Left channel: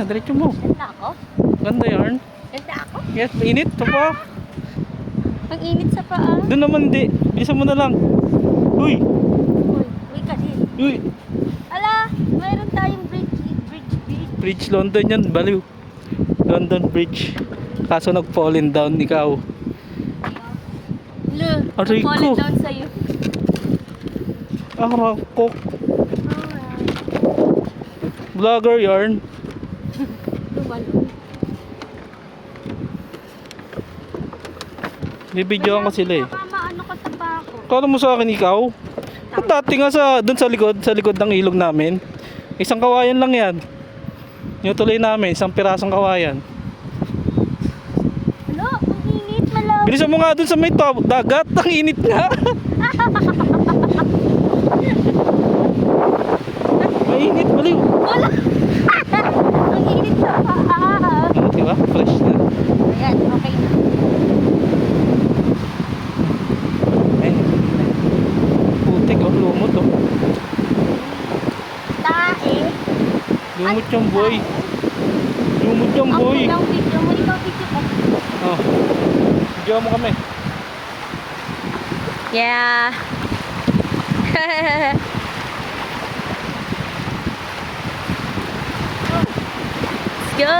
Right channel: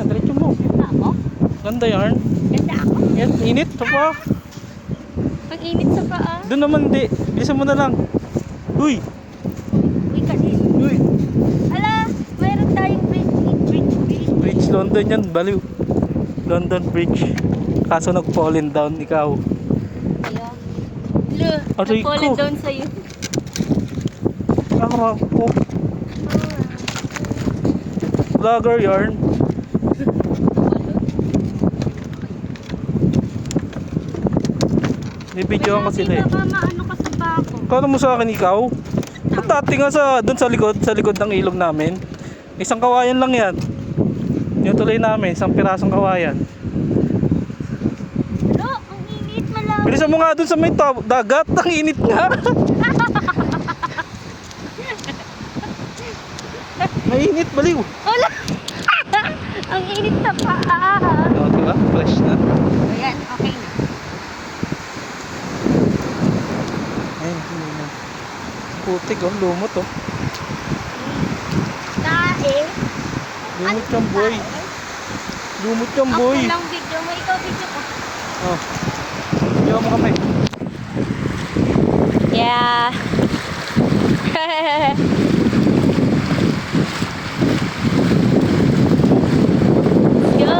na, diretso mo. Ganda ako? Ganda yarn. Ganda ako? Yan, init pa pa. Ang init sa paa. Doon naman di. Bilisan mo na lang. Uy! Uy, kasi. Uy! Ala, mayroon tayong bridge. Bridge London yan, baliw. London Bridge. Kaso nag-fallen down ikaw. Ayun. Lo, Aray nag-fallen ko. down sa'yo. Arak ko. Vlogger yarn. Bibidyoan ko sila eh. Baka maano ka sa bako. Kala mo sa akin ikaw? At dati nga doon sa likod ng ilog namin. Isang kawayan lang yan. Yung tuloy namin, isang pirasong kawayan. Lo, ang init, malaw. Bilisan mo nga doon sa may dagat, ang init nga. Mainit, baliw. Wala. Ang init sa paa. Oo, diba? Fresh na. Ayan, okay na. Ay, putik oh, lumot oh. Dahil, Lumot yung boy. Lumot yung boy. ang kulang video mo, ikaw video ka. Oh. Diyan mo kami. Yeah. Let's go.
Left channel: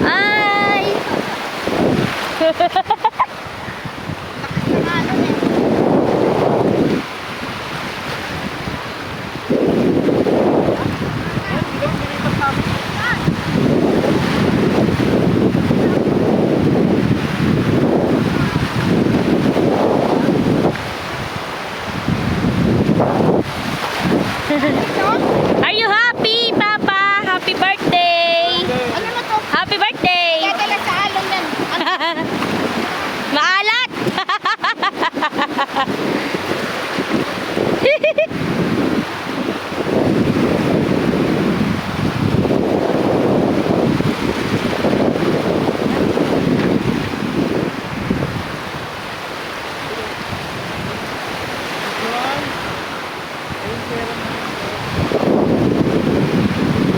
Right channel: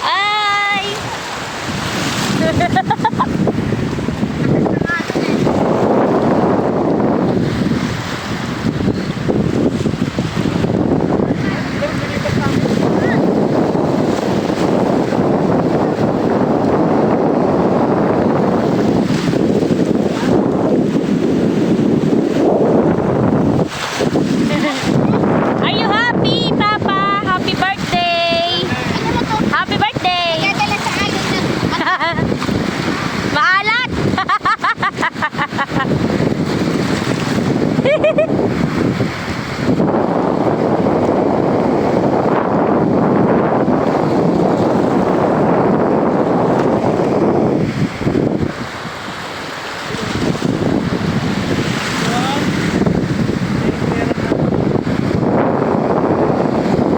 Ay. Are you happy, Papa? Happy birthday! Happy birthday! Gagala sa alon yan. Maalat!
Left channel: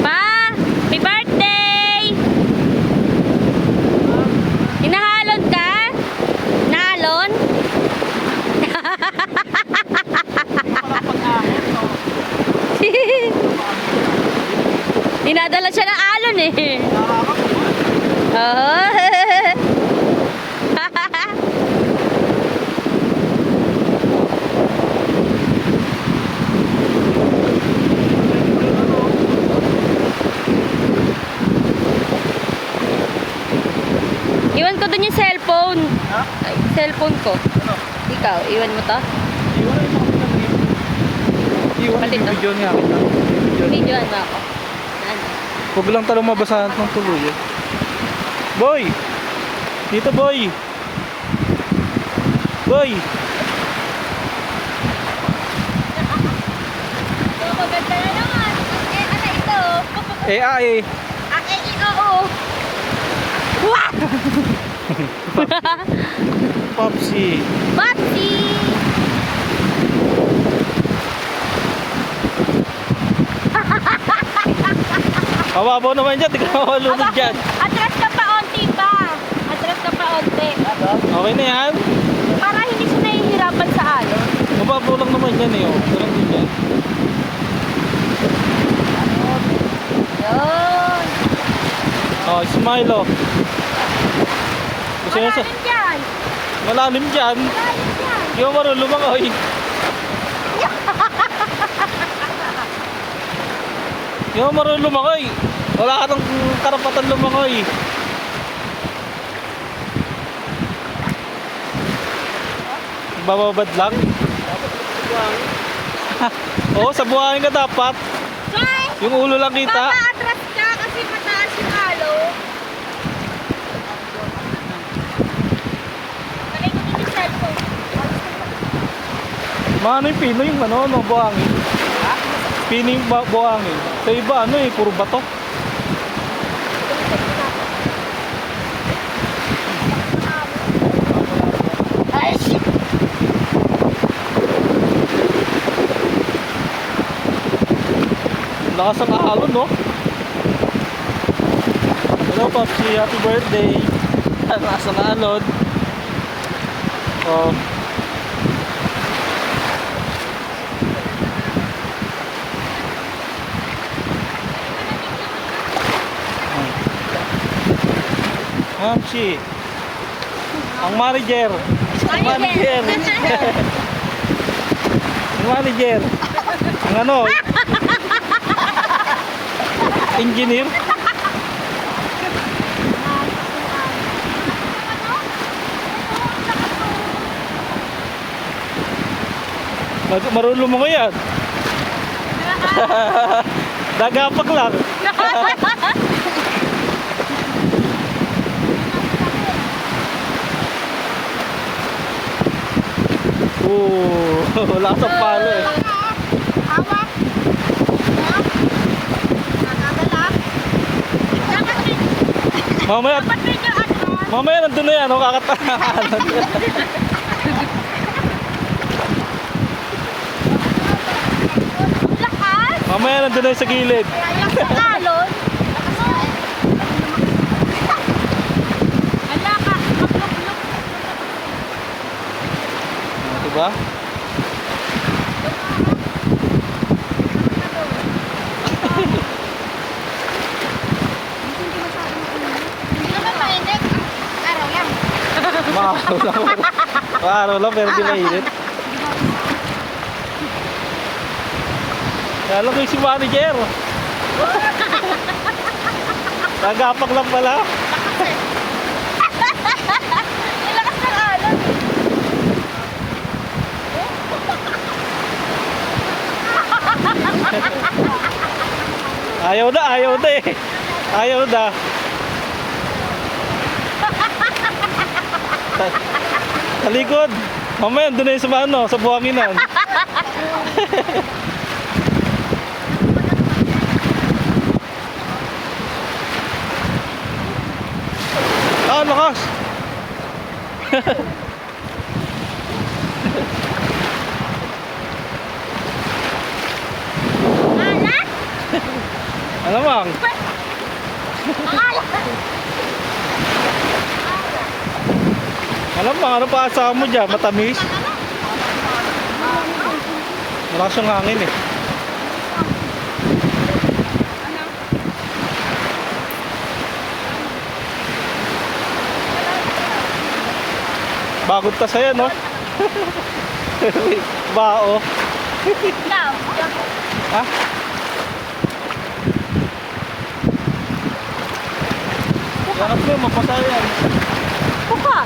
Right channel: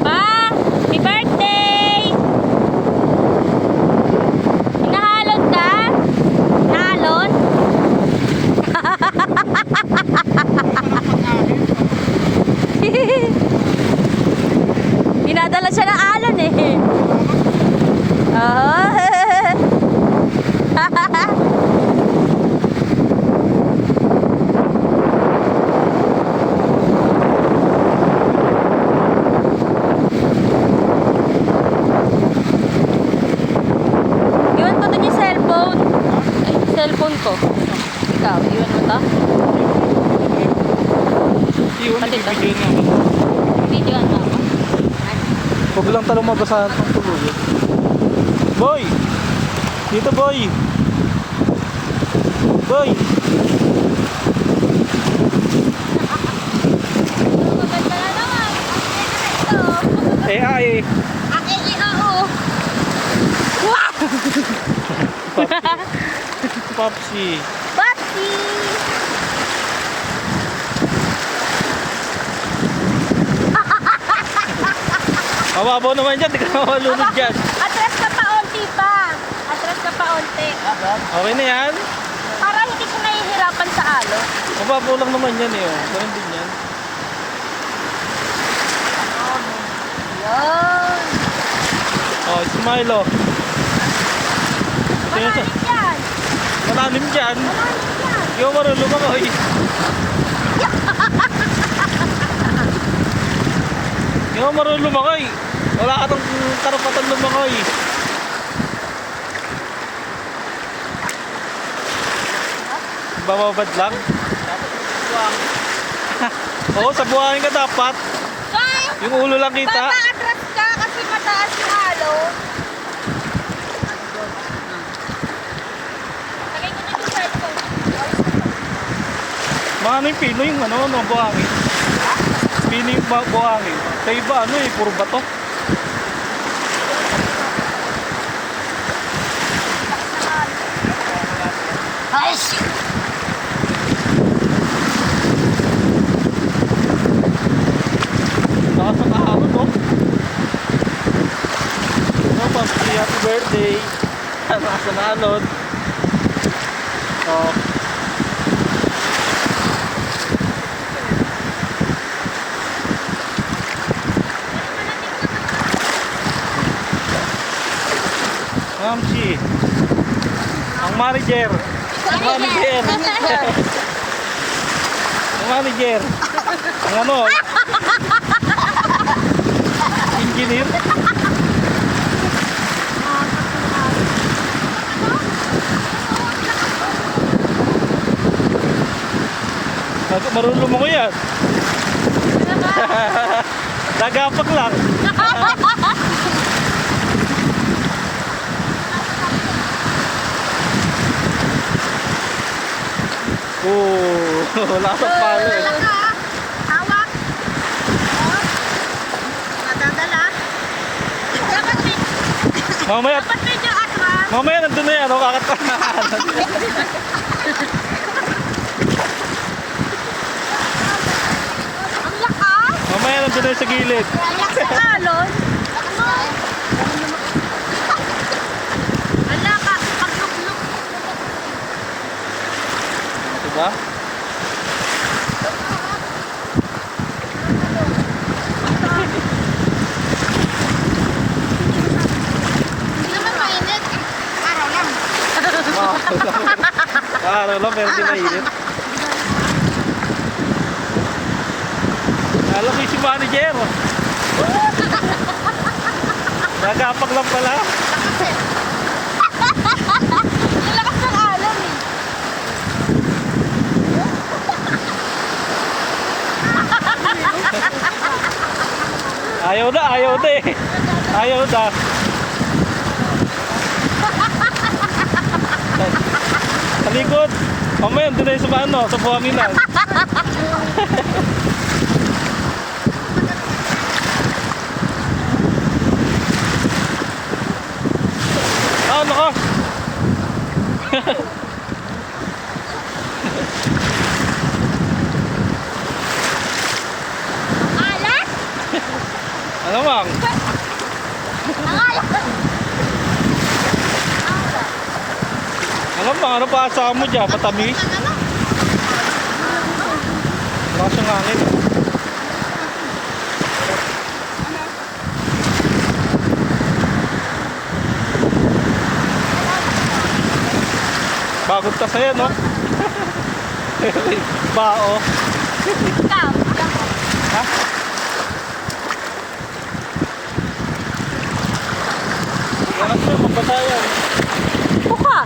Pa, happy birthday! Hinahalon ka? Naalon? Dinadala siya ng alon eh. Oo. Iwan ko dun yung cellphone. Ay, cellphone ko. Ikaw, iwan mo to? Iwan Pati yung to. video niya. Videoan ba ako? Ano? Huwag lang talong mabasahan ng tuluyan. Boy! Dito boy! Boy! Maganda na naman. Okay, ano ito? AI! Aking i-oo. Popsi! Bati! Mababaw naman dyan, di ka mawalunod dyan. Atras ka pa onti ba? Atras ka pa onti. Okay na yan? Para hindi siya nahihirapan sa alon. Mababaw lang naman yan eh. Ganun din yan. Yun. Oh, smile oh. Gusto nyo sa... Malalim yan. Malalim dyan. Hindi mo marunong lumangoy. Hindi mo marunong lumangoy. Wala ka tong karapatan lumangoy. Bababad lang. Oo, sa buhangin ka dapat. Bye! Yung ulo lang kita. Atras ka kasi mataas yung alon. Kaya ko yung cellphone. Mga yung pino yung buhangin. Pino yung buhangin. Sa iba puro bato. lakas ng ahon, no? Hello, Paski. Happy birthday. Lakas ng alon. Oh. Mamsi. Ang manager. Ang manager. Ang manager. Ang ano? Engineer. Marunong mo ko yan. Nagapak lang. Wala sa palo eh. Hawak. Oh. Nadadala. Mamaya, Dapat medyo atras. mamaya nandun na yan. Makakatahan. Ang lakas. Mamaya nandun na yan sa gilid. Ang lakas ng alon. Ang lakas. Kapluk-luk. Diba? Hindi naman mainit. Araw yan. Araw lang pero di mainit. Alam ko yung si manager. Nagapak lang pala. Lakas eh. Yung lakas ng alon eh. Ayaw na eh. Ayaw na. Sa likod. Mamaya, doon na yung sa ano, sa buhanginan. Lakas. Alat? Ano mang? Alam mo, ano pa asawa mo dyan? Matamis? Wala siyang hangin eh. Bagod ka sa'yo, no? Bao. Ikaw. Ha? Yan ako, mapatayan. Buka.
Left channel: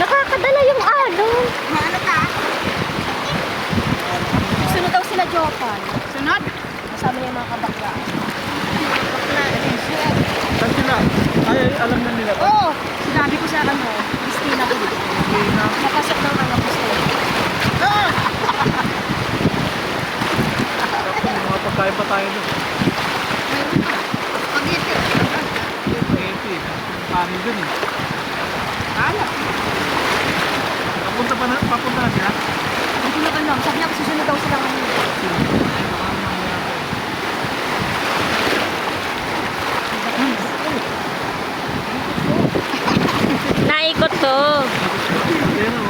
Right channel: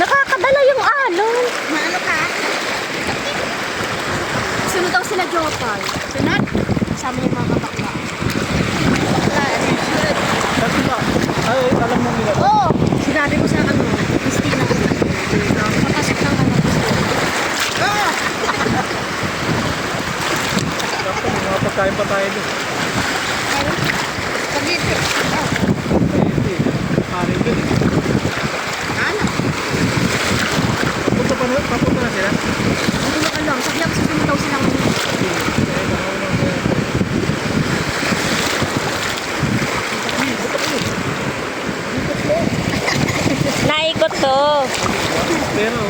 Nakakadala yung alon. Maano ka? Sunod daw sila Jopan. Sunod? Kasama yung mga kabakla. Bakla, Saan sila? Ay, alam na nila. Oo, sinabi ko sa ano, Christina. Napasok ng ano ko sila. Mga pagkain pa tayo doon. Meron. Spaghetti. Pwede. Ari doon. Ano? Papunta na sila? Ang tulog ano, sabi ako sabihin daw sila ngayon. Naikot to. Pero,